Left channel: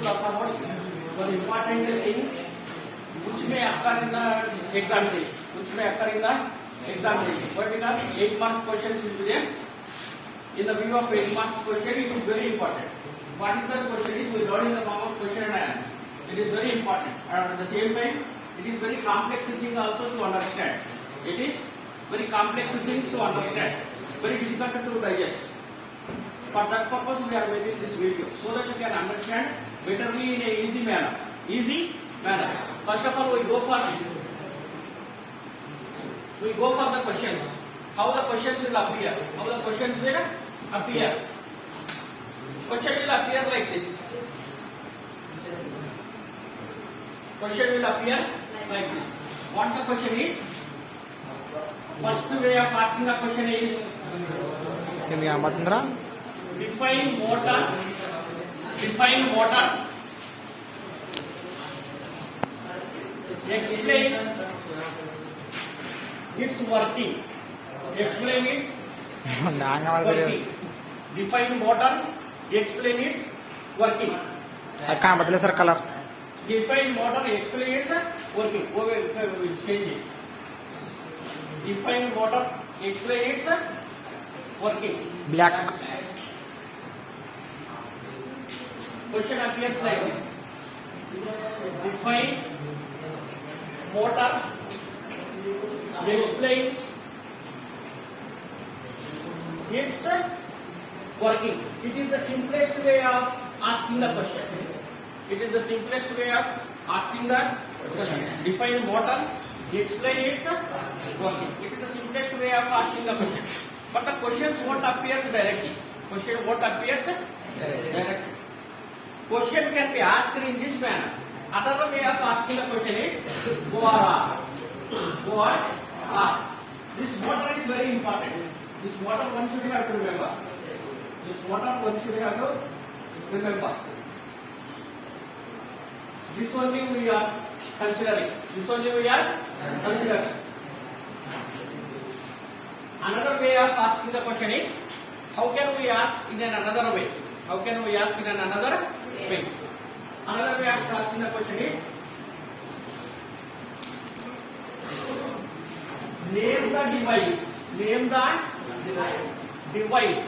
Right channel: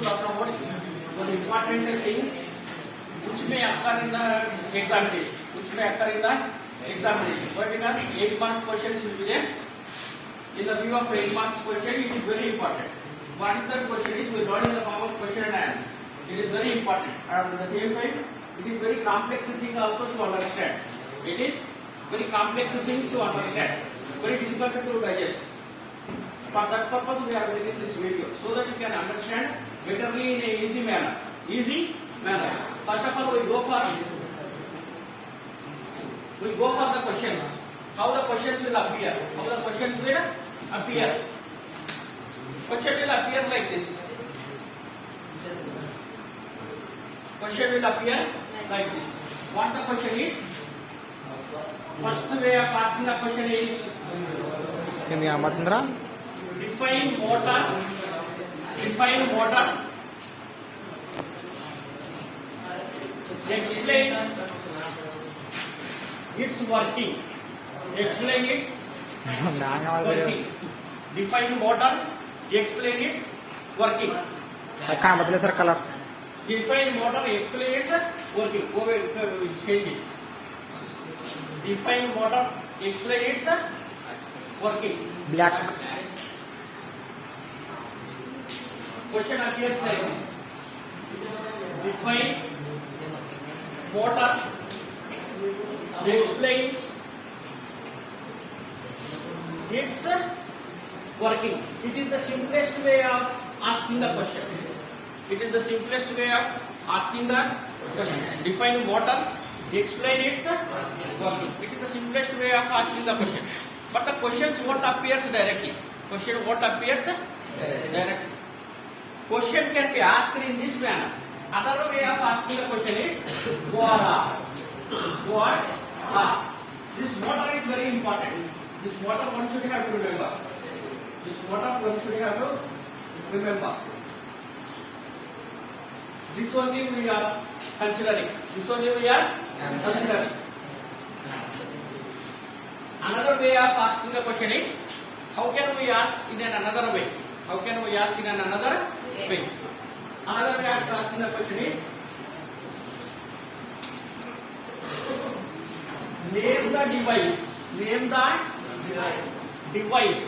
to talk about one important thing which may occur in the examination. Which may occur in the examination. But because 8 marks questions will be there. In the view of 8 marks question, it is very important. What is the question is we learn in the form of question and answer. It is very important. And at the same time, it is very complex thing also to understand. It is very complex thing to understand. Very difficult to digest. For that purpose, we are making this video so that you can understand betterly in a easy manner. Easy manner. First of all, we go for the questions. How the questions will appear? How the questions will appear? Question will appear like this. Question will appear like this. What the question is? First way of asking the question is define motor. Define motor. Explain its working. Explain its working. Define motor. Explain its working. Sir colour Define motor. Explain its working. Go will change it. Define motor. Explain its working. Black Question appears like this. Define motor. Explain its working. It is the simplest way of asking the question. It is the simplest way of asking the question. Define motor. Explain its working. It is the simplest way of asking the question. But the questions won't appear directly. Question won't appear directly. Question can be asked in this manner. Another way of asking the question is go or are. Go or are. This motor is very important. This motor one should have to remember. This motor one should have to remember. This only we are considering. This only we are considering. Another way of asking the question is how can we ask in another way? How can we ask in another way? Another way of asking the question is name the device. Name the device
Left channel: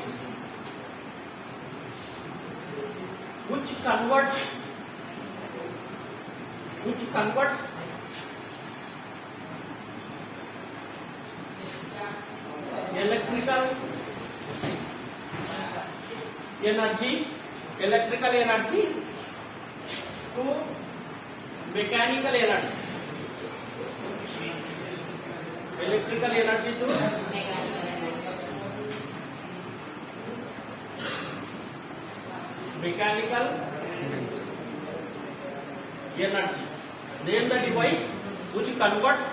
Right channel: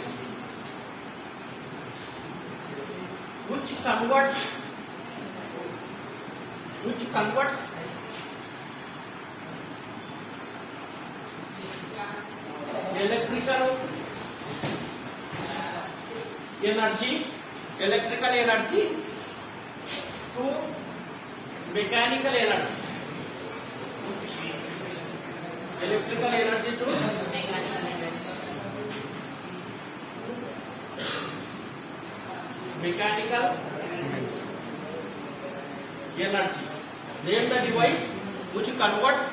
which converts electrical energy to mechanical energy. Electrical energy to mechanical energy. Name the device which converts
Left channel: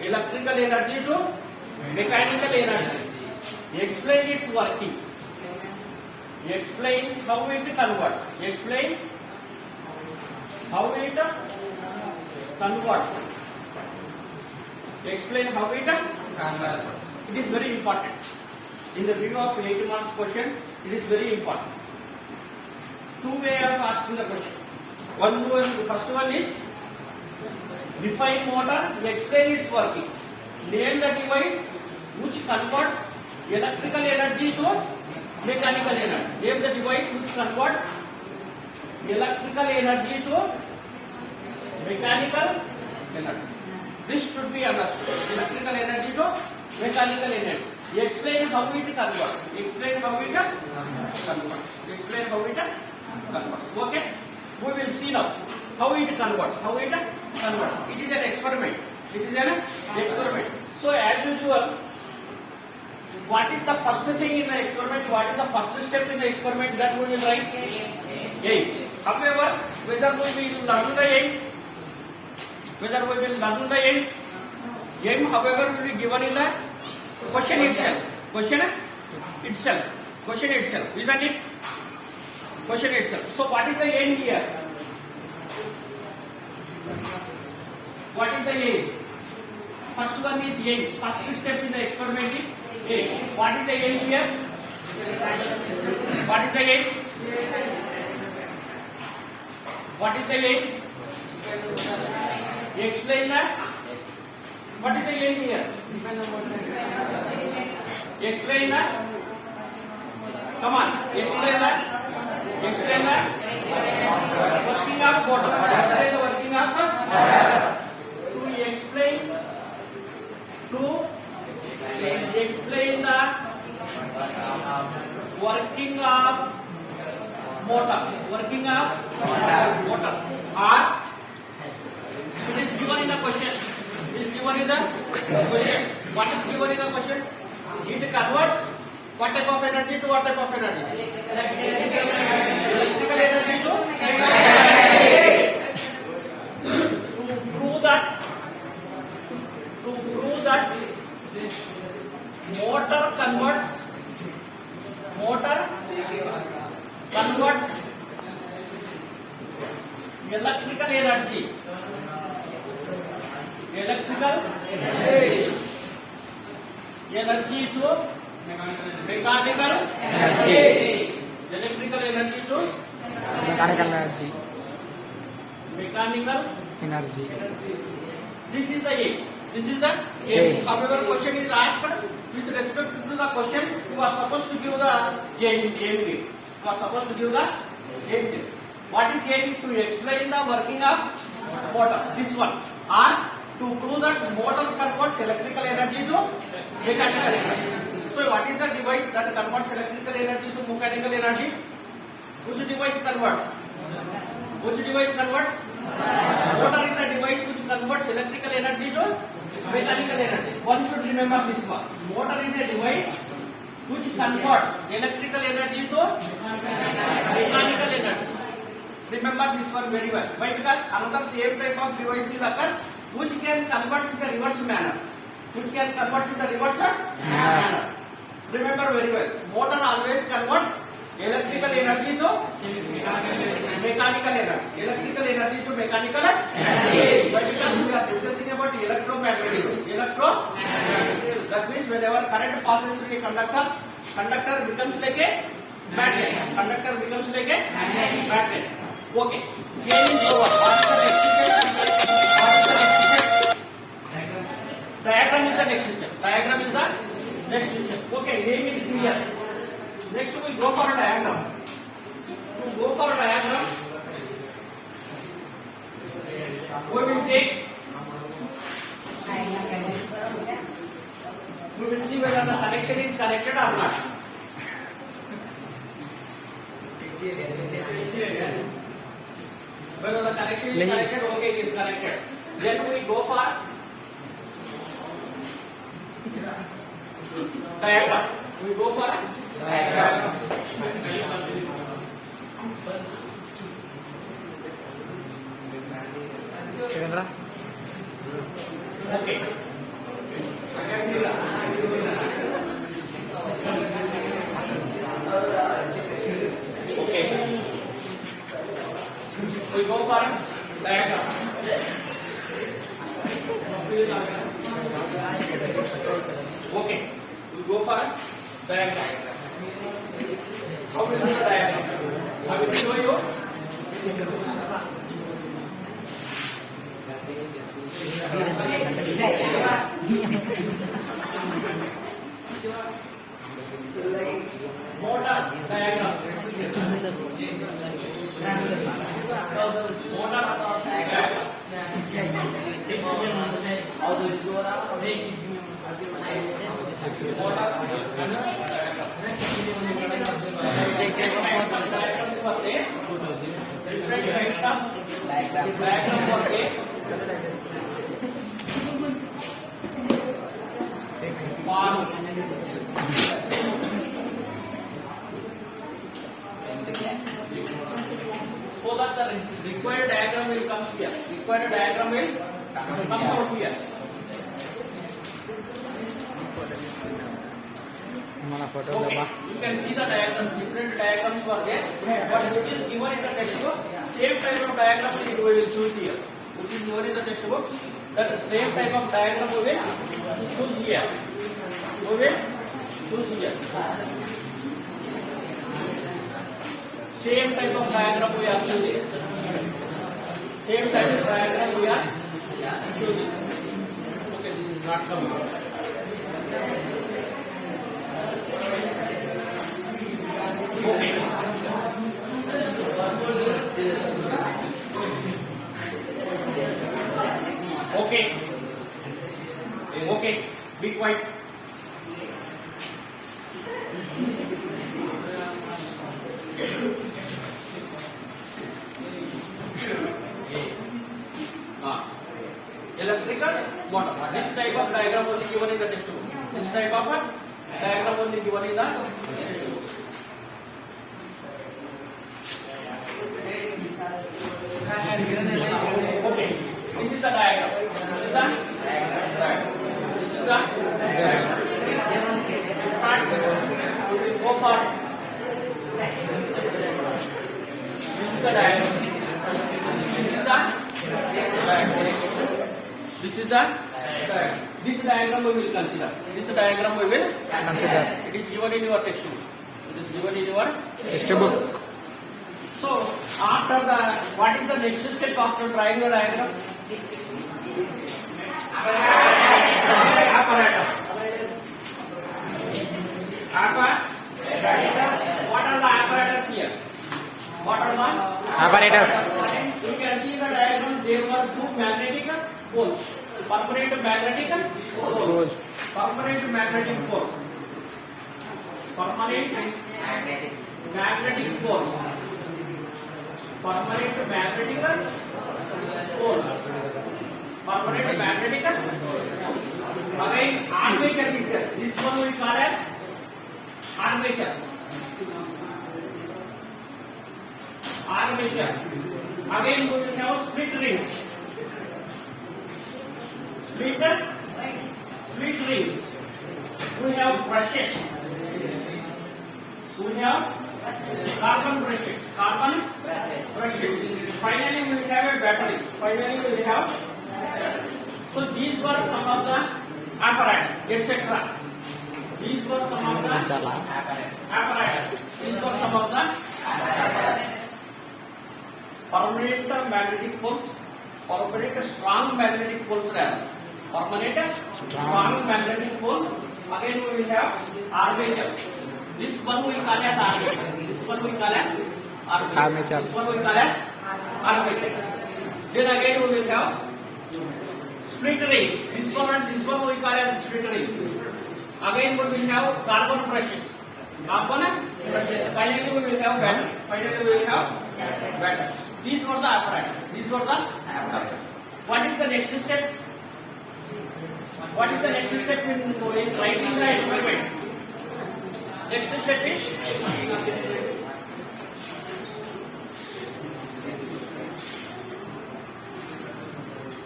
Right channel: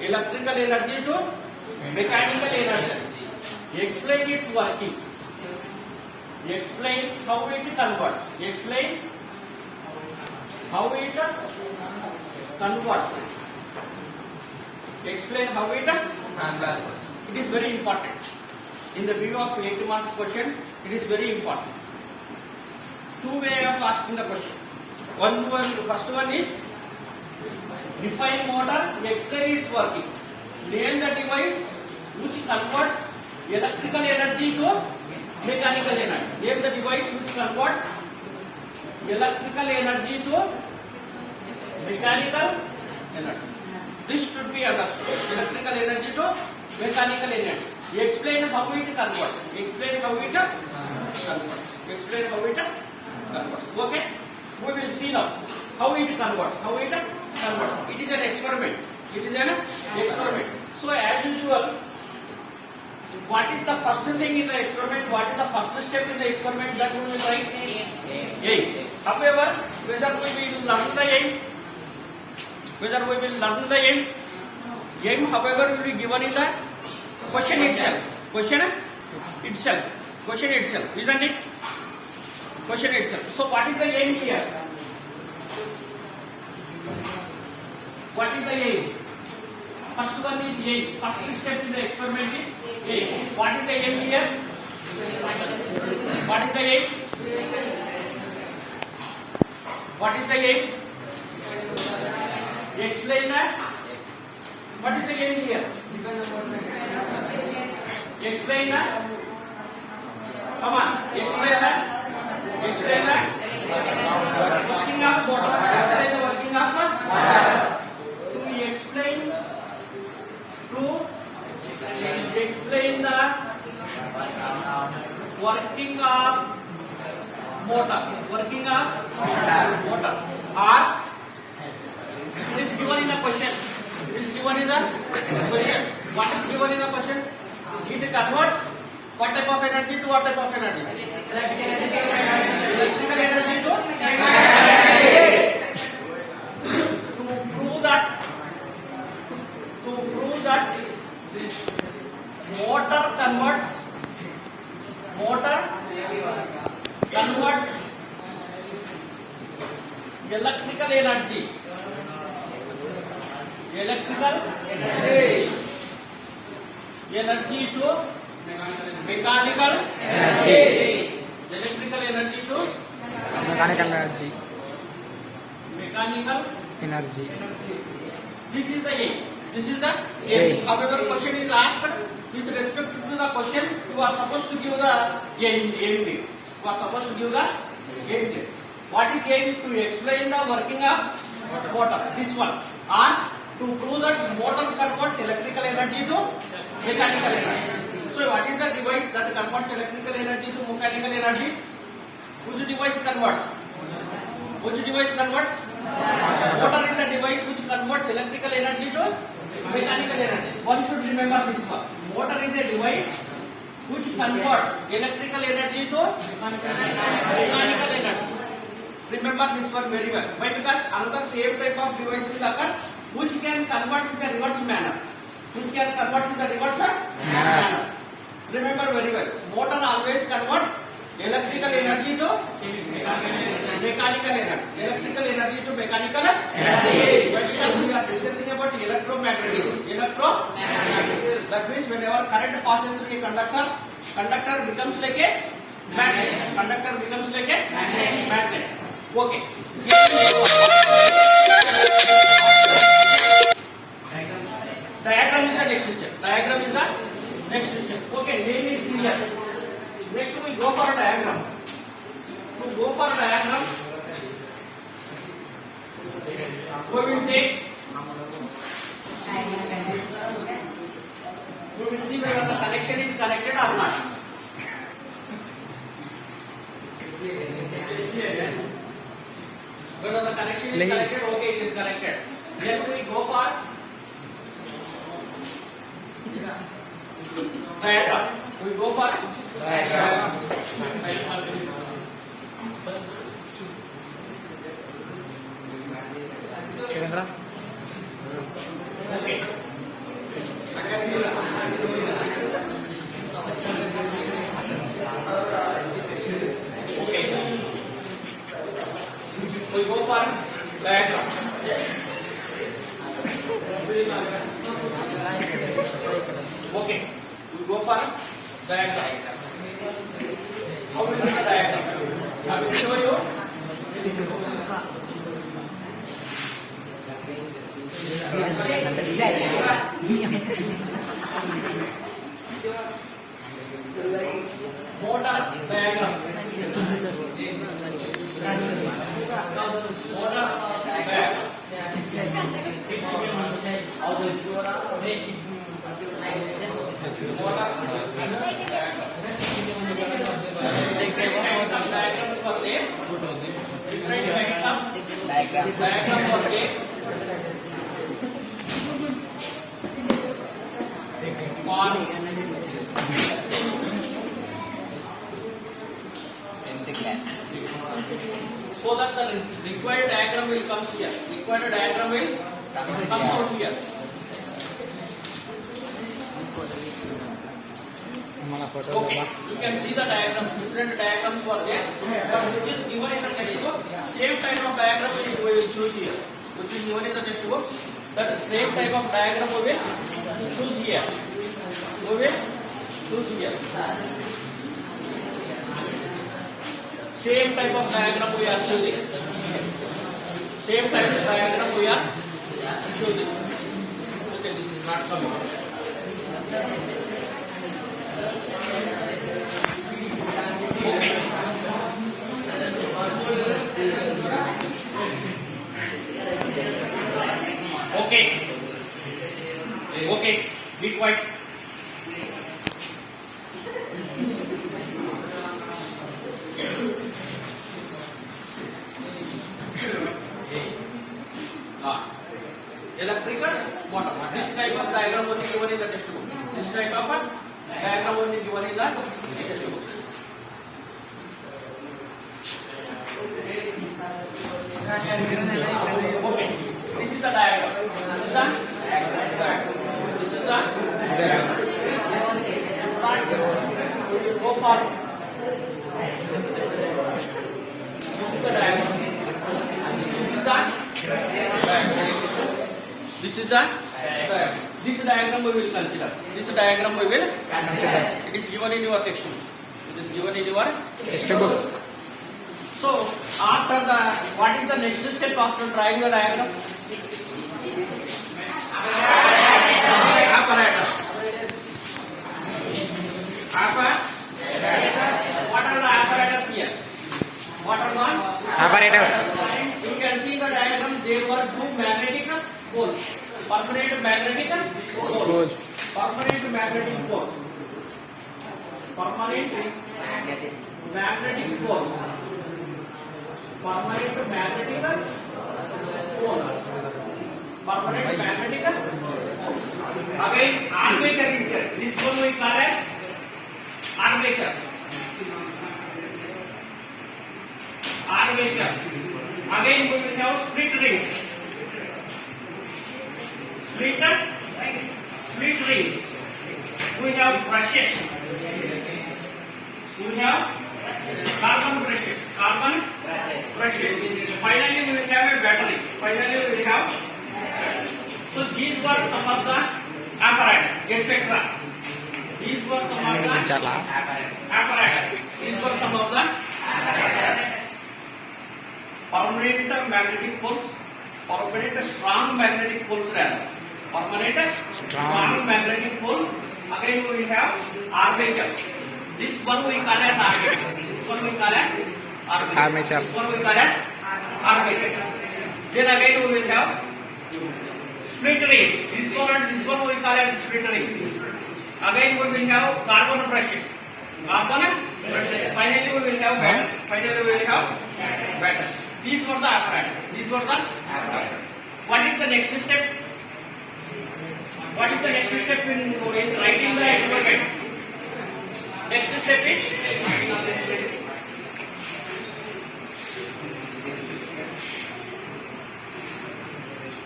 electrical energy to mechanical energy. Explain its working. Explain how it converts. Explain how it converts. Explain how it converts. It is very important. In the view of 8 marks question, it is very important. Two ways of asking the question. The first one is define motor, explain its working. Name the device which converts electrical energy to mechanical energy. Name the device which converts electrical energy to mechanical energy. This should be understood. Electrical energy to mechanical energy. Explain how it converts. Explain how it converts. Explain how it converts. Okay? We will see now how it converts. How it converts. It is an experiment. It is an experiment. So as usual, what is the first thing in the experiment? What is the first step in the experiment that we will write? Aim. However, whether we will learn the aim, aim, however, will be given in the question itself. Question itself, isn't it? Question itself. So what is the aim here? What is the aim? First one is aim. First step in the experiment is aim. What is the aim here? What is the aim? What is the gain? Explain that. What is the gain here? Explain that. Come on, explain that. Explain that. Working of motor. What is the working of motor? To explain the working of motor. Working of motor. Or it is given in the question. It is given in the question. What is given in the question? It converts what type of energy to what type of energy? Electrical energy to mechanical energy. To prove that motor converts electrical energy to mechanical Energy. Electrical energy to mechanical energy. mechanical. Energy. This is the A. This is the A. A. However, question is asked with respect to the question. You are supposed to give the A. You are supposed to give the A. What is A? To explain the working of motor. This one. Or to prove that motor converts electrical energy to mechanical energy. So, what is the device that converts electrical energy to mechanical energy? Which device converts? Which device converts? Motor is the device which converts electrical energy to mechanical energy. One should remember this one. Motor is a device which converts electrical energy to mechanical energy. Remember this one very well. Why? Because another same type of device will occur which can convert in the reverse manner. Which can convert in the reverse manner. Remember very well. Motor always converts electrical energy to mechanical energy. Electrical energy to mechanical energy. But because we are discussing about electromagnetism. That means whenever current passes through a conductor, conductor becomes like a magnet. Conductor becomes like a magnet. Okay. Here is over. Diagram is the next step. Diagram is the next step. Okay. Here is clear. Next we go for a diagram. To go for a diagram, we will take. We will see whether the connection is connected or not. Whether the connection is connected, okay, it is connected. Then we go for diagram. We go for diagram. Kirendra? Okay. Okay. We go for diagram. Okay. We go for diagram. How will you do the diagram? I will show you. Motor diagram. Motor diagram. Different types of diagram for A. One. So that the required diagram will come here. Required diagram will come out here. Okay, you can see the diagrams. Different diagrams were there, but which is given in the textbook. Same type of diagram we will choose here. Which is given in the textbook. That same type of diagram we will choose here. We will choose here. Same type of diagram we are choosing. Same type of diagram we are choosing. Okay, this is not coming. Okay. Okay. Okay. Be quiet. Electrical motor. This type of diagram will be given in the textbook. This type of diagram will be given in the textbook. Okay. This is the diagram. This is the diagram. This is the diagram. Start. Go for. This is the diagram. This is the diagram. This is the diagram. This diagram we will consider. This diagram we will consider. It is given in your textbook. It is given in your Textbook. So after the what is the next step after drawing your diagram? Apparatus. What are the apparatus here? What are the Apparatus. You can see the diagram. There were two magnetic poles. Permanent magnetic poles. Permanent magnetic poles. Permanent magnetic poles. Permanent magnetic pole. Permanent magnetic. Again, armature is there. This one we call as armature. Armature. Again, we will have split rings. Split rings. We have brushes. We have carbon brushes. Finally, we will have a battery. So these were some of the apparatus, etc. These were some of the apparatus. These were some of the permanent magnetic poles. Permanent strong magnetic poles rather. Permanent strong magnetic poles. Again, we will have armature. This one we call as armature. This one we call as armature. This one we call as armature. Then again we will have split rings. This one and this one we call as split rings. Again we will have carbon brushes. Finally we will have battery. These were the apparatus. What is the next step? What is the next step in writing the experiment? Next step is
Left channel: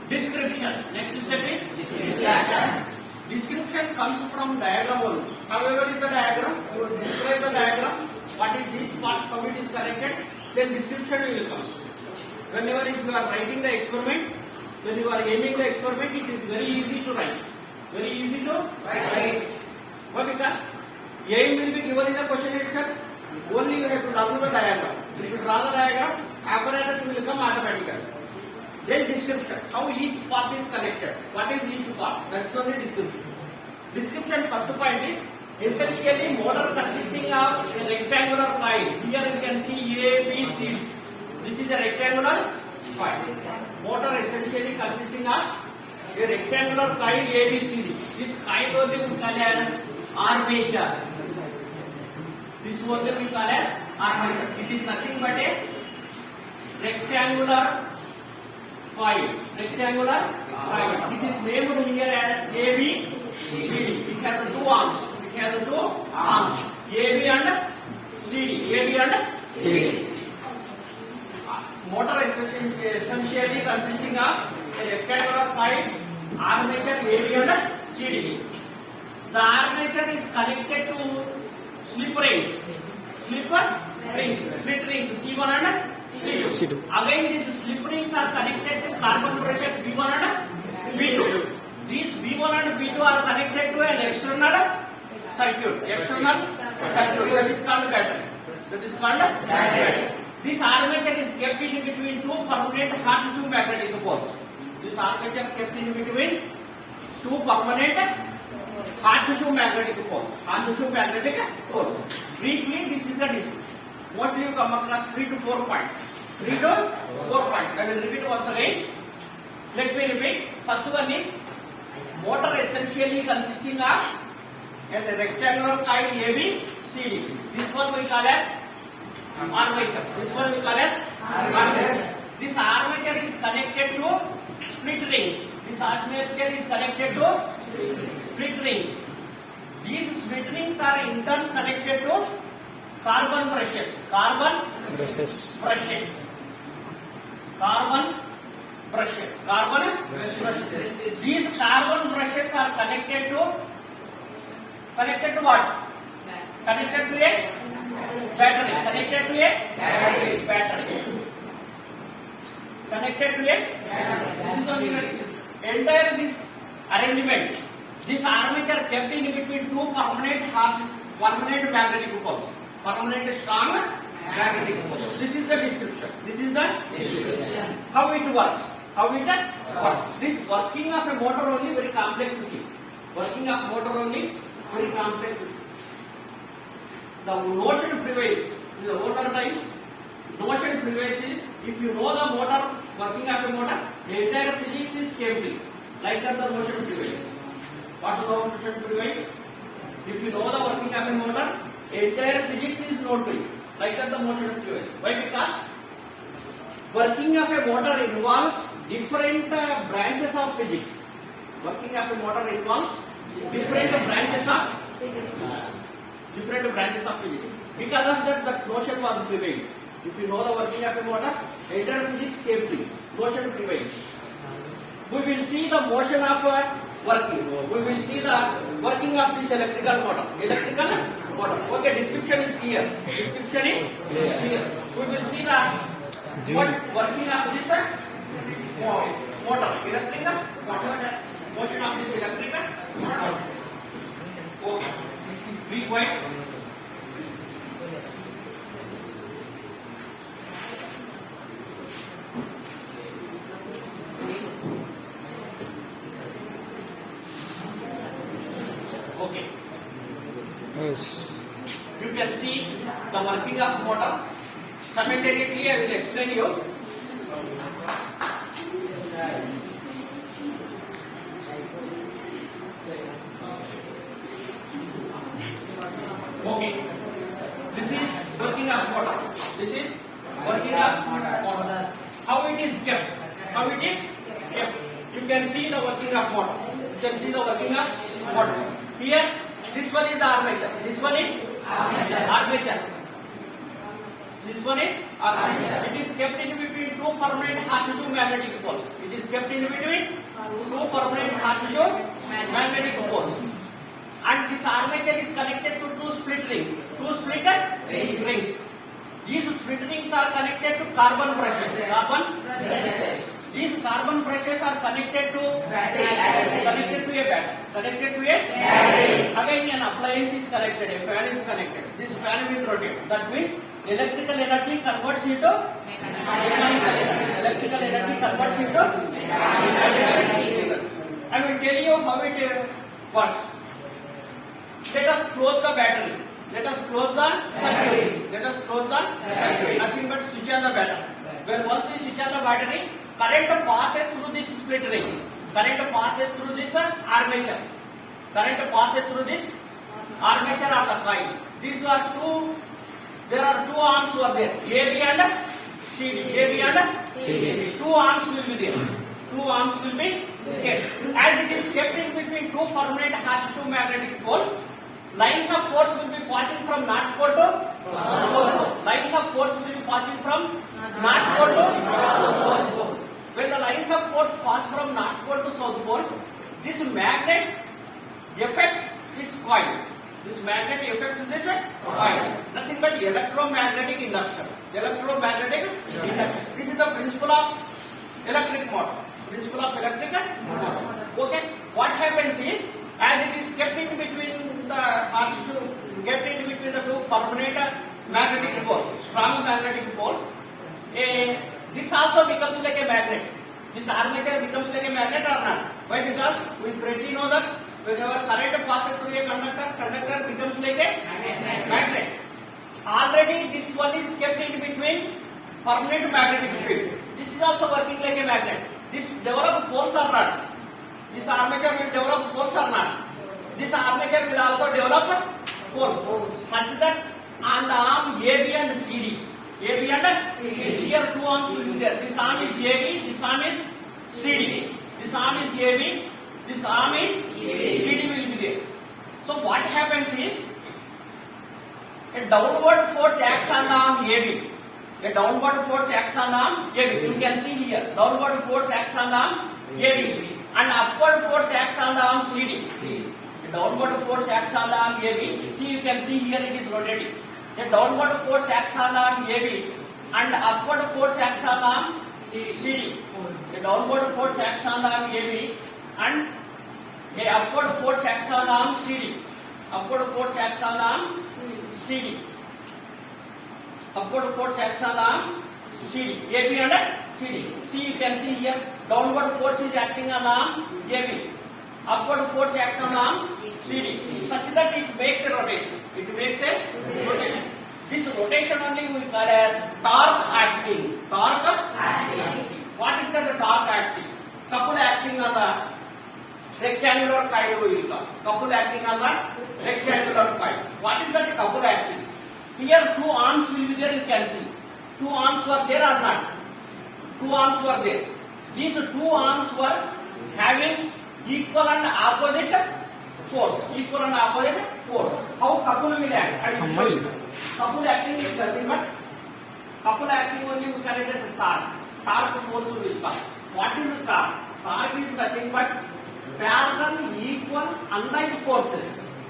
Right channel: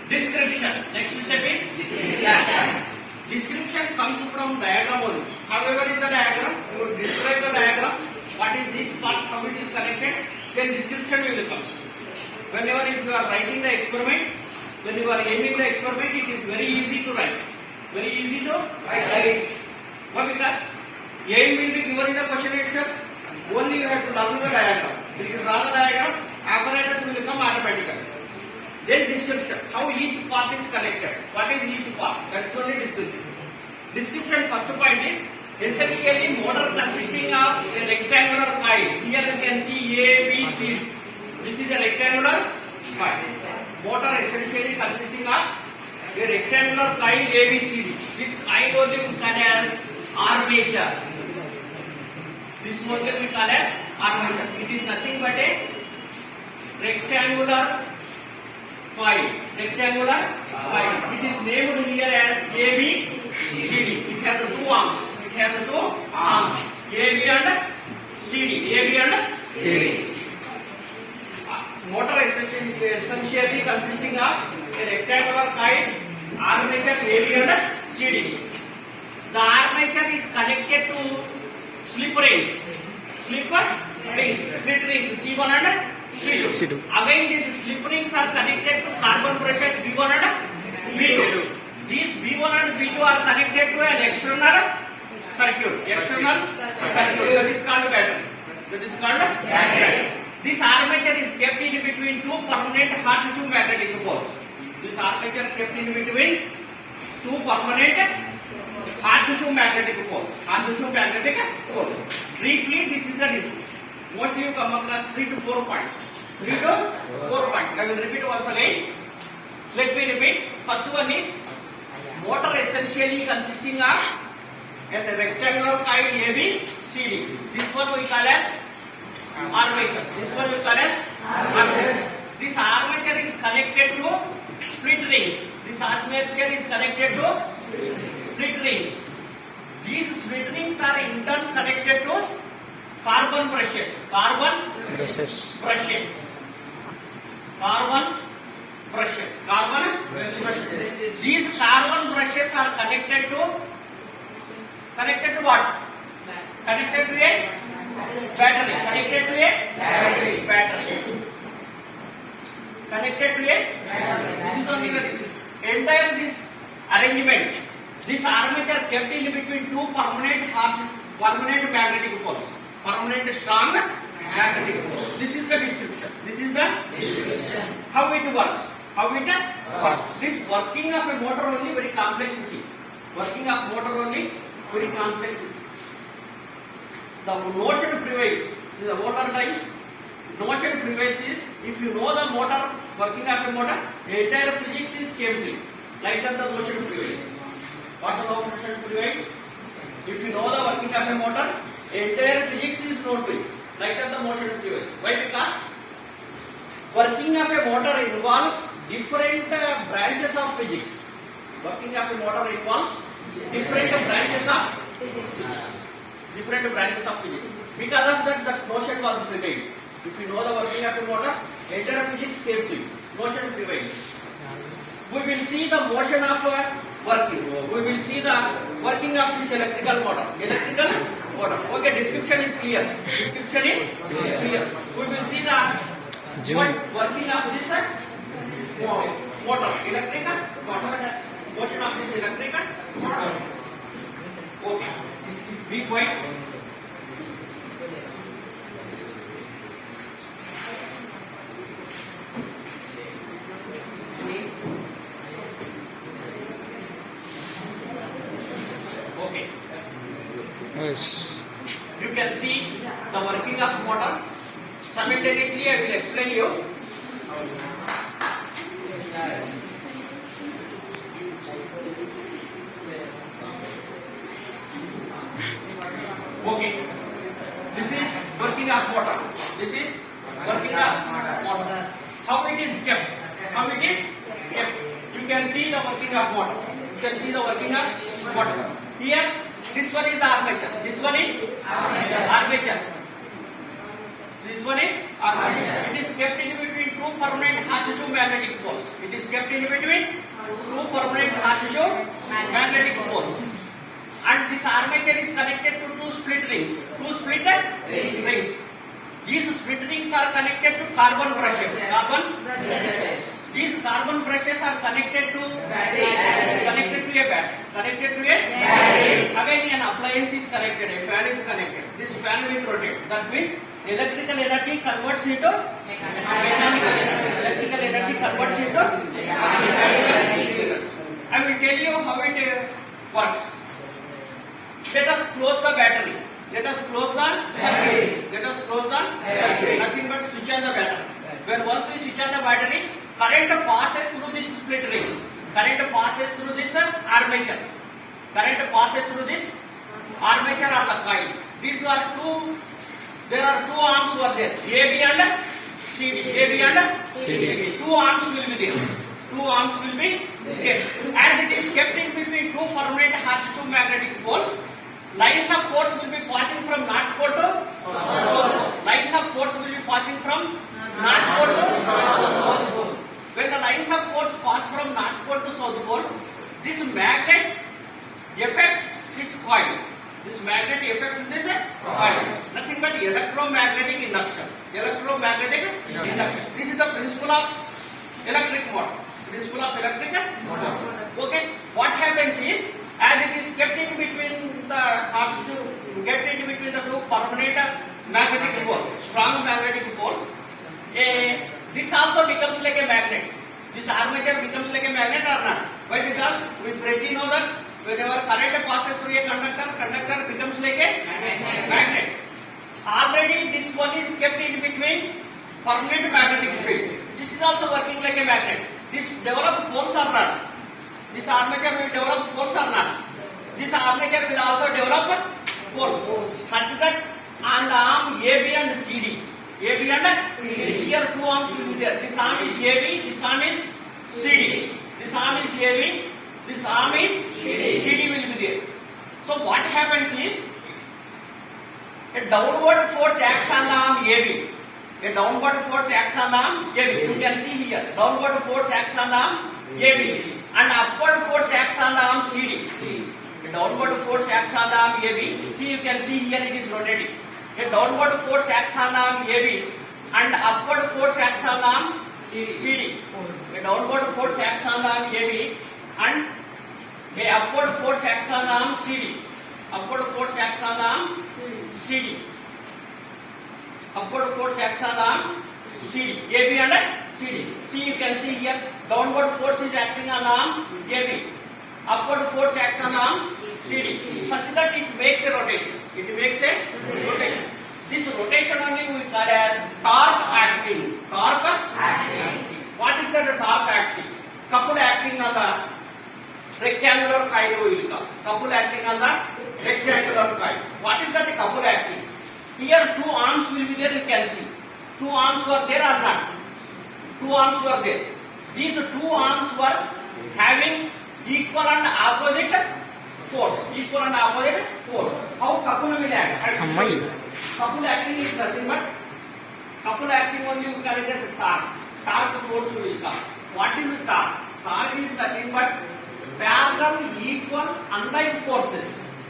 description. Next step is description comes from diagram only. However, is the diagram? You will describe the diagram. What is each part, how it is connected? Then description will come. Whenever if you are writing the experiment, when you are aiming the experiment, it is very easy to write. Why? Because aim will be given in the question itself. Only you have to learn the diagram. If you draw the diagram, apparatus will come automatically. Then description, how each part is connected. What is each part? That is only description. Description first point is essentially motor consisting of a rectangular coil. Here you can see A, B, C. This is a rectangular coil. Motor essentially consisting of a rectangular coil A, B, C, D. This coil only we call as armature. This only we call as armature. It is nothing but a rectangular coil. It is named here as AB, CD. It has the two arms. AB and CD. Motor essentially consisting of a rectangular coil, armature AB and CD. The armature is connected to slip rings. Split rings C1 and C2. Again, these slip rings are connected to carbon brushes B1 and B2. These B1 and B2 are connected to an external circuit. That is called battery. This armature is kept in between two permanent horseshoe magnetic poles. This armature kept in between two permanent horseshoe magnetic poles. Horseshoe magnetic poles. Briefly, this is the description. What you come across 3 to 4 points. 3 to 4 points. I will repeat once again. Let me repeat. First one is motor essentially consisting of a rectangular coil ABCD. This one we call as armature. This one we call as armature. This armature is connected to split rings. This armature is connected to split rings. These split rings are in turn connected to carbon brushes. Carbon brushes. Carbon brushes. Carbon brushes. These carbon brushes are connected to what? Connected to a battery. Connected to a battery. Connected to a entire this arrangement. This armature kept in between two permanent magnetic poles. Permanent strong magnetic poles. This is the description. This is the description. How it works. How it works. This working of a motor only very complexity. Working of motor only very complexity. The notion prevails. In the motor types, notion prevails is if you know the motor, working of a motor, the entire physics is chemical. Like that the motion prevails. What is the motion prevails? If you know the working of a motor, entire physics is known to you. Like that the motion prevails. Why? Because working of a motor involves different branches of physics. Working of a motor involves different branches of physics. Because of that, the notion was prevailed. If you know the working of a motor, entire physics came to you. Notion prevails. We will see the motion of working. We will see the working of this electrical motor. Okay, description is clear. We will see the working of this motor. Electrical motor. Motion of this electrical motor. Okay. Be quiet. Okay. Yes. You can see the working of motor. Simultaneously, I will explain you. Okay. This is working of motor. This is working of motor. How it is kept? How it is kept? You can see the working of motor. You can see the working of motor. Here, this one is the armature. This one is armature. This one is armature. It is kept in between two permanent horseshoe magnetic poles. It is kept in between two permanent horseshoe magnetic poles. And this armature is connected to two split rings. Two split rings. These split rings are connected to carbon brushes. These carbon brushes are connected to a battery. Again, an appliance is connected. A fan is connected. This fan will rotate. That means electrical energy converts into mechanical energy. Electrical energy converts into mechanical energy. I will tell you how it works. Let us close the battery. Let us close the circuit. Nothing but switch on the battery. When once we switch on the battery, current passes through this split ring. Current passes through this armature. Current passes through this armature or the coil. These are two. There are two arms were there. AB and CD. Two arms will be there. As it is kept in between two permanent horseshoe magnetic poles, lines of force will be passing from north pole to south pole. When the lines of force pass from north pole to south pole, this magnet affects this coil. Nothing but electromagnetic induction. This is the principle of electric motor. Okay. What happens is, as it is kept in between the two permanent magnetic poles, strong magnetic poles, This also becomes like a magnet. This armature becomes like a magnet or not? Why? Because we pretty know that whenever current passes through a conductor becomes like a magnet. Already this one is kept in between permanent magnetic field. This is also working like a magnet. This develop poles or not? This armature will develop poles or not? This armature will also develop poles such that on the arm AB and CD. AB and CD. Here two arms will be there. This arm is AB, this arm is CD. This arm is AB, this arm is CD will be there. So what happens is a downward force acts on the arm AB. A downward force acts on the arm AB. You can see here. Downward force acts on the arm AB. And upward force acts on the arm CD. A downward force acts on the arm AB. See, you can see here it is rotating. A downward force acts on the arm AB. And upward force acts on the arm CD. A downward force acts on the arm AB. And a upward force acts on the arm CD. Upward force acts on the arm CD. Upward force acts on the arm CD. AB and CD. See, you can see here. Downward force is acting on the arm AB. Upward force acts on the arm CD. Such that it makes a rotation. It makes a rotation. This rotation only we call as torque acting. Torque acting. What is that torque acting? Couple acting on the rectangular coil we will call. Couple acting on the rectangular coil. What is that couple acting? Here two arms will be there, you can see. Two arms were there or not? Two arms were there. These two arms were having equal and opposite force. Equal and opposite force. How couple will act? Couple acting is nothing but couple acting only you call it as torque. Torque force will come. What is torque? Torque is nothing but parallel, equal, unlike forces.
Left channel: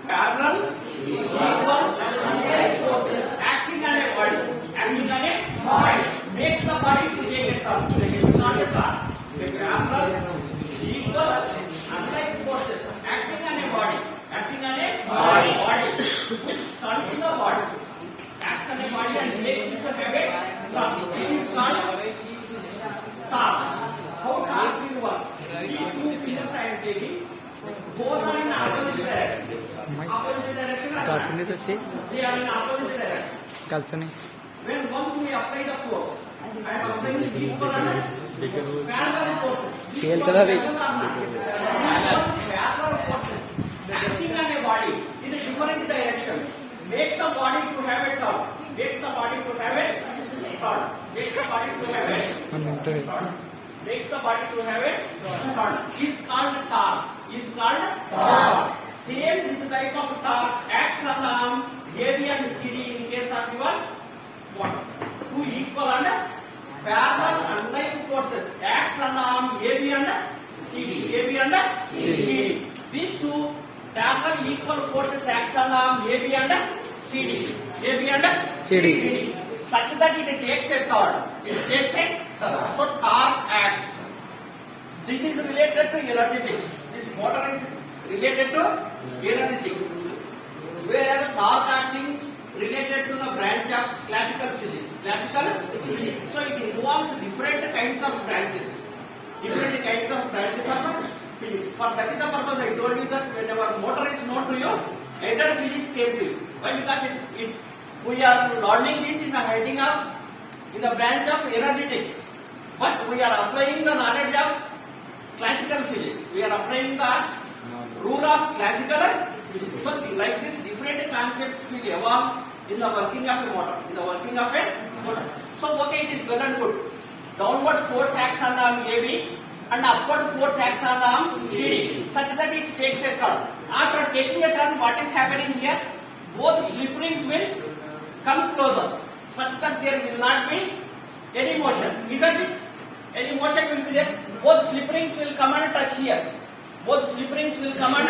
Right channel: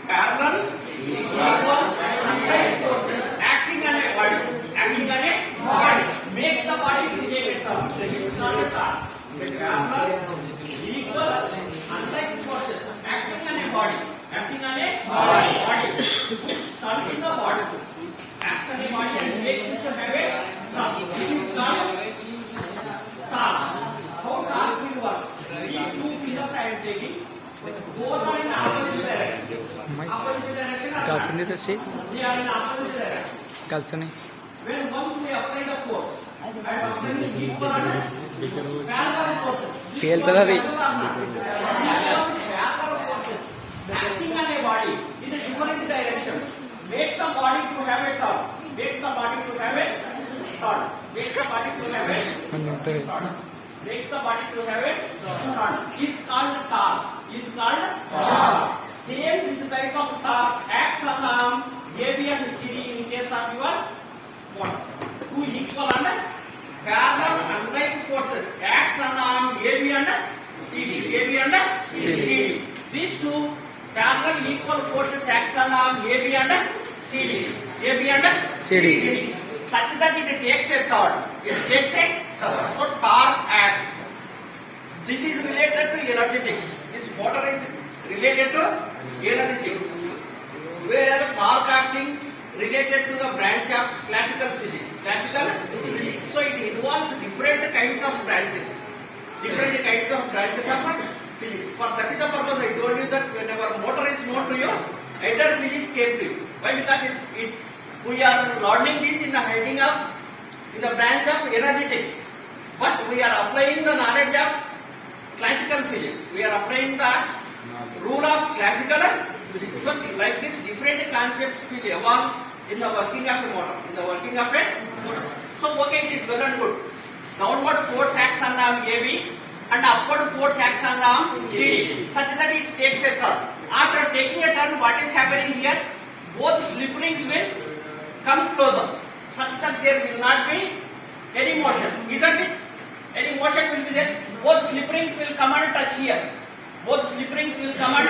Parallel, equal, unlike forces acting on a body. Acting on a body makes the body to make a turn. This is not a torque. A parallel, equal, unlike forces acting on a body. Acting on a body. Turns in the body. Acts on a body and makes it to have a turn. This is called torque. How torque will work? These two figures I am taking. Both are in opposite direction. Opposite direction. Kalsini sashi. They are in opposite direction. Kalsini. When once we apply the force, I am applying the equal and parallel forces. Tail color. Parallel forces acting on a body in a different direction makes the body to have a turn. Makes the body to have a turn. Makes the body to have a turn. Makes the body to have a turn. Is called torque. Is called torque. Same this type of torque acts on AB and CD in case of your body. Two equal and parallel unlike forces acts on arm AB and CD. AB and CD. These two parallel equal forces acts on arm AB and CD. AB and CD. Such that it takes a turn. It takes a turn. So torque acts. This is related to energetics. This motor is related to energetics. Whereas torque acting related to the branch of classical physics. Classical physics. So it involves different kinds of branches. Different kinds of branches of physics. For that is the purpose I told you that whenever motor is known to you, either physics came to you. Why? Because we are learning this in the branch of energetics. But we are applying the knowledge of classical physics. We are applying the rule of classical physics. So like this, different concepts will evolve in the working of a motor. In the working of a motor. So okay, it is well and good. Downward force acts on the arm AB and upward force acts on the arm CD, such that it takes a turn. After taking a turn, what is happening here? Both slip rings will come closer, such that there will not be any motion. Isn't it? Any motion will be there. Both slip rings will come and touch here. Both slip rings will come and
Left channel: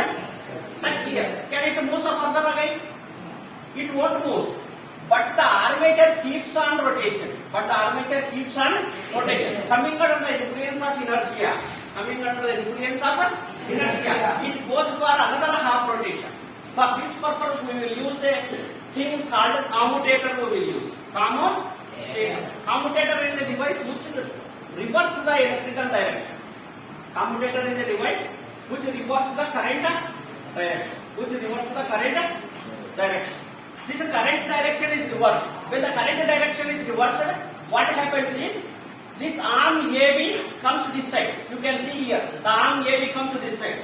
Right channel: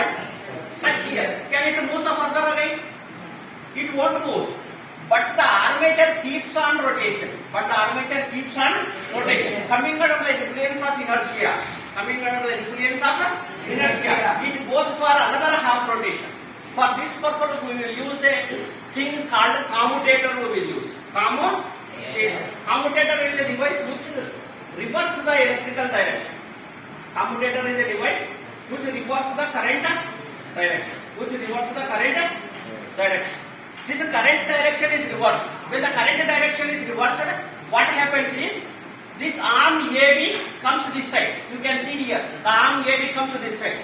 touch here. Can it move further away? It won't move. But the armature keeps on rotation. Coming under the influence of inertia. It goes for another half rotation. For this purpose, we will use a thing called commutator. We will use commutator. Commutator is a device which reverses the electrical direction. Commutator is a device which reverses the current direction. This current direction is reversed. When the current direction is reversed, what happens is this arm AB comes this side. You can see here the arm AB comes to this side.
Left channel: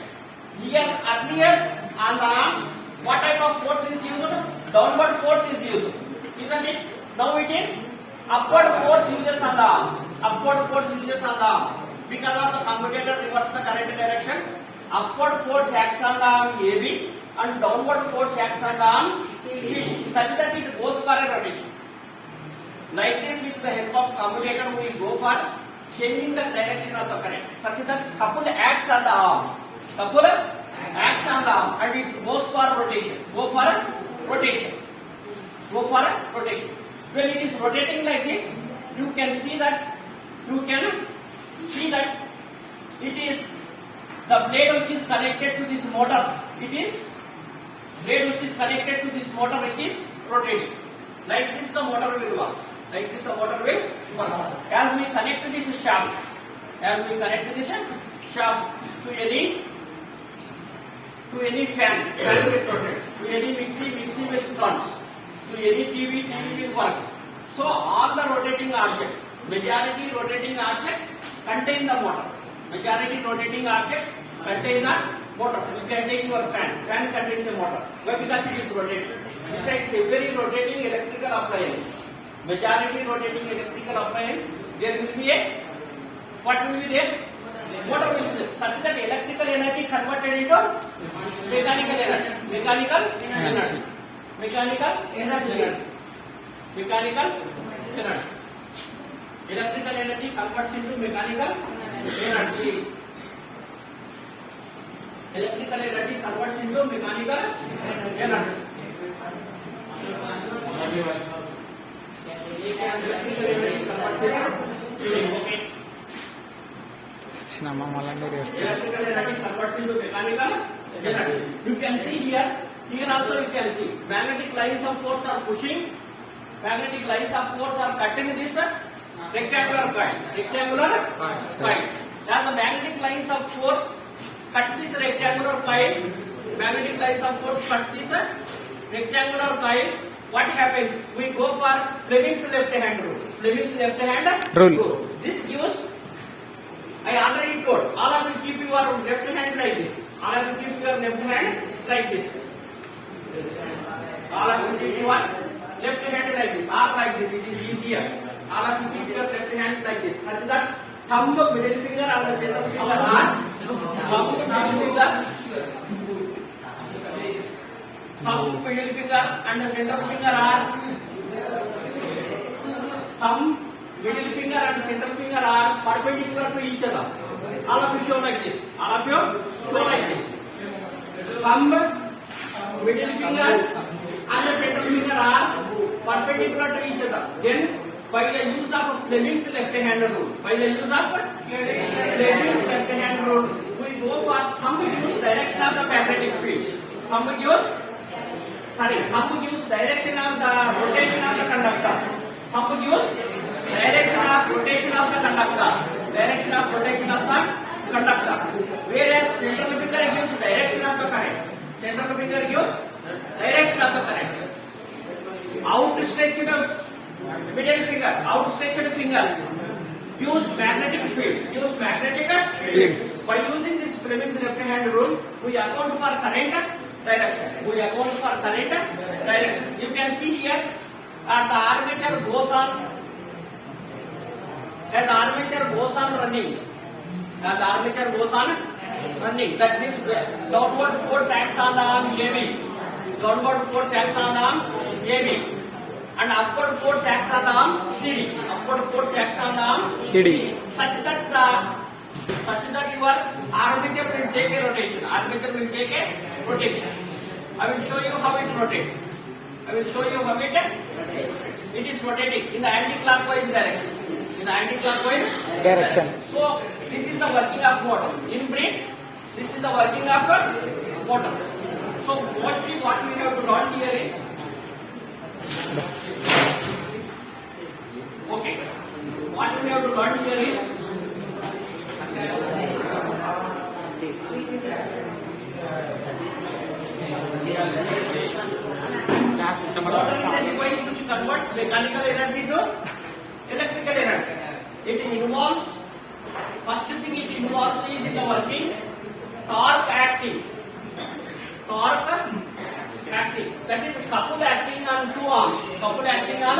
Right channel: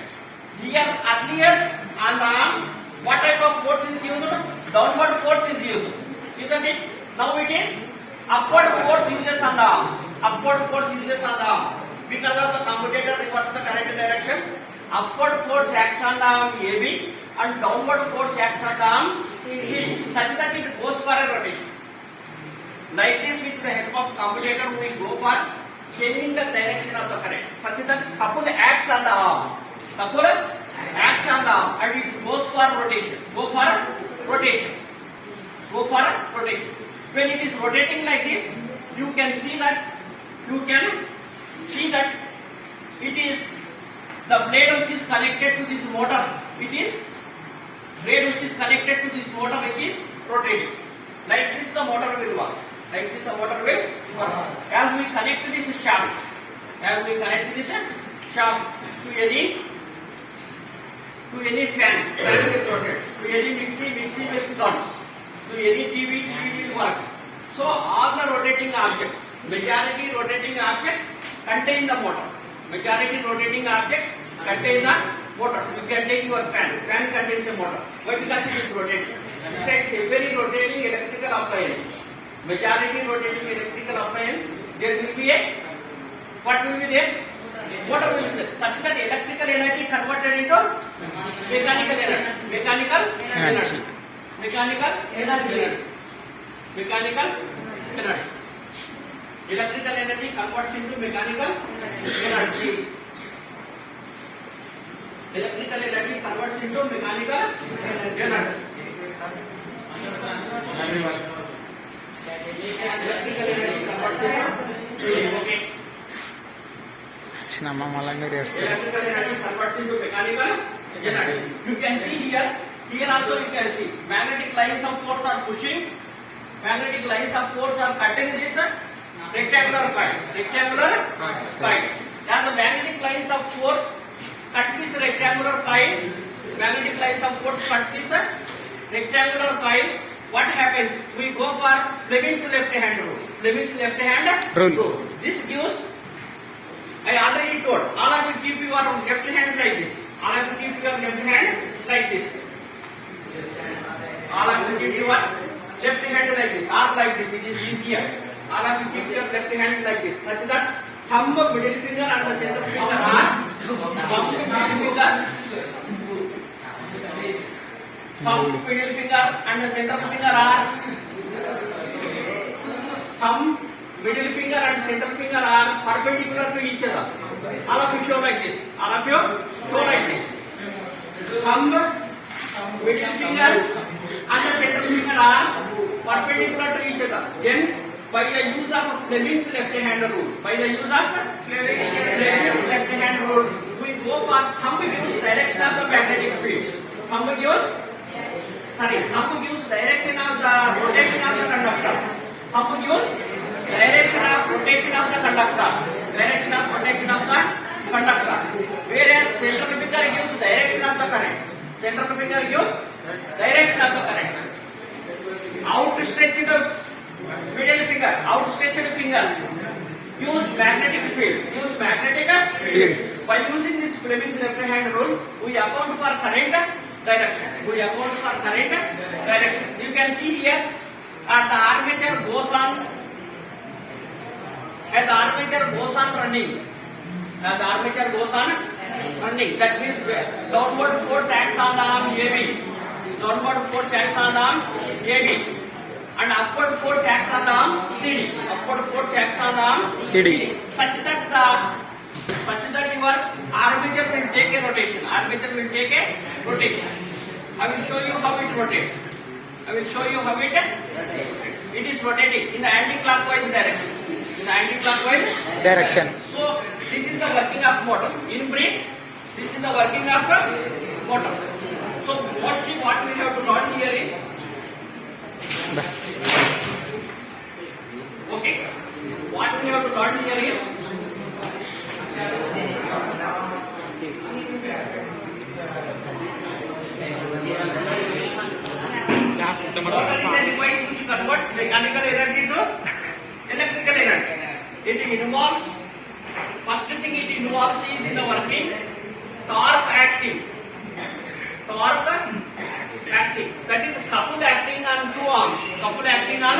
Here earlier on the arm, what type of force is used? Downward force is used, isn't it? Now it is upward force uses on the arm. Because of the commutator reverses the current direction, upward force acts on the arm AB and downward force acts on the arm CD, such that it goes for a rotation. Like this, with the help of commutator, we go for changing the direction of the current, such that couple acts on the arm. And it goes for rotation. When it is rotating like this, you can see that it is the blade which is connected to this motor. It is rotating. Like this, the motor will work. As we connect this shaft to any fan will rotate. To any mixie will comes. To any TV will works. So all the rotating objects, majority rotating objects contain the motor. You can take your fan. Fan contains a motor. Why? Because it is rotating. Besides every rotating electrical appliance, majority rotating electrical appliance, there will be a, what will be there? Motor will be there. Such that electrical energy converted into mechanical energy. Electrical energy converts into mechanical energy. Nama malah mirip. You can see here also you can see magnetic lines of force are pushing, magnetic lines of force are cutting this rectangular coil. As the magnetic lines of force cut this rectangular coil, what happens? We go for Fleming's left hand rule. This gives, I already told, all of you keep your left hand like this. All of you keep your left hand like this. Or like this, it is easier. All of you keep your left hand like this. Such that thumb, middle finger and the center finger are perpendicular to each other. All of you show like this. Thumb, middle finger and the center finger are perpendicular to each other. Then, by the use of Fleming's left-hand rule, we go for thumb gives direction of the magnetic field. Thumb gives direction of the rotation of the conductor. Whereas central finger gives direction of the current. Outstretched finger use magnetic fields. By using this Fleming's left-hand rule, we account for current direction. You can see here, the armature goes on. Running. That means downward force acts on the arm AB. And upward force acts on the arm CD. Such that your armature will take a rotation. I will show you how it rotates. It is rotating in the anti-clockwise direction. So this is the working of motor. In brief, this is the working of motor. So mostly what we have to learn here is Okay. What we have to learn here is water is a device which converts mechanical energy to electrical energy. It involves, first thing it involves is in the working torque acting. Torque acting. That is couple acting on 2 arms. Couple acting on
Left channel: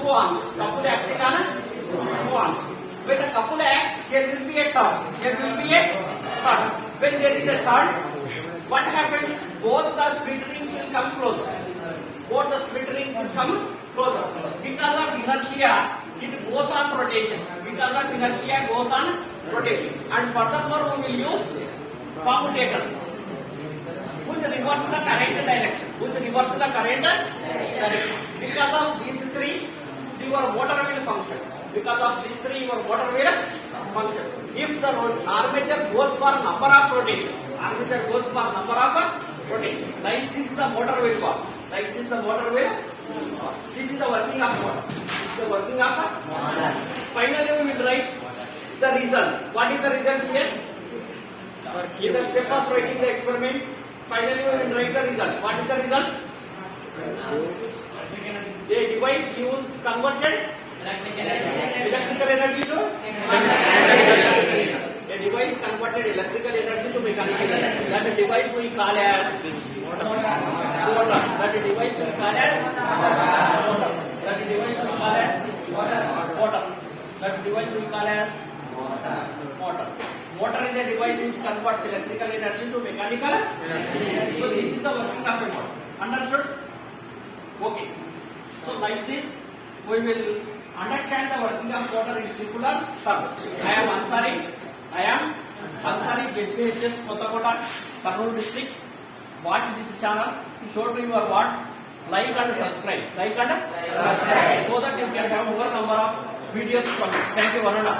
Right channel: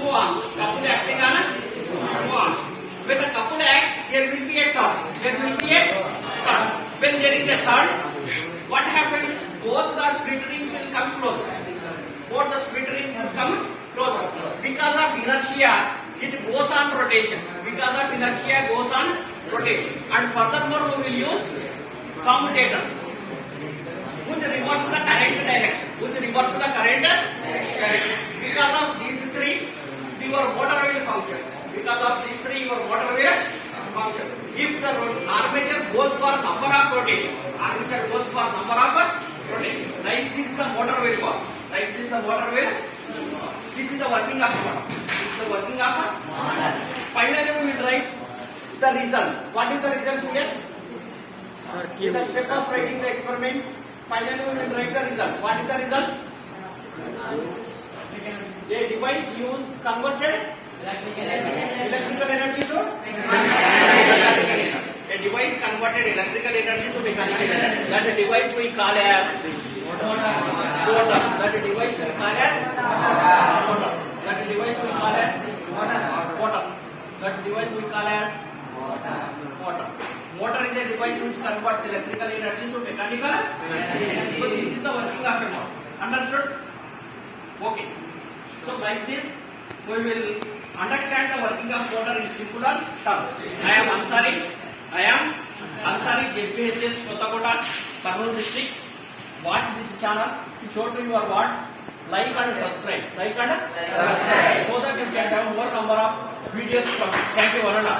2 arms. Couple acting on 2 arms. When the couple act, there will be a torque. There will be a torque. When there is a torque, what happens? Both the split rings will come closer. Both the split rings will come closer. Because of inertia, it goes on rotation. Because of inertia, goes on rotation. And furthermore, we will use commutator, which reverses the current direction. Because of these three, your motor will function. Because of these three, your motor will function. If the armature goes for number of rotation, like this the motor will work. This is the working of motor. Finally, we will write the result. What is the result here? In the step of writing the experiment, finally we will write the result. What is the result? A device used converted electrical energy to mechanical energy. A device converted electrical energy to mechanical energy. That device we call as motor. That device we call as motor. That device we call as motor. That device we call as motor. Motor is a device which converts electrical energy to mechanical energy. So this is the working of a motor. Understood? Okay. So like this, we will understand the working of motor in simple terms. I am Ansari, JPHS Kotakota, Kurnool district. Watch this channel. Show to your watch. Like and subscribe. So that you can have more number of videos from. Thank you, Varana.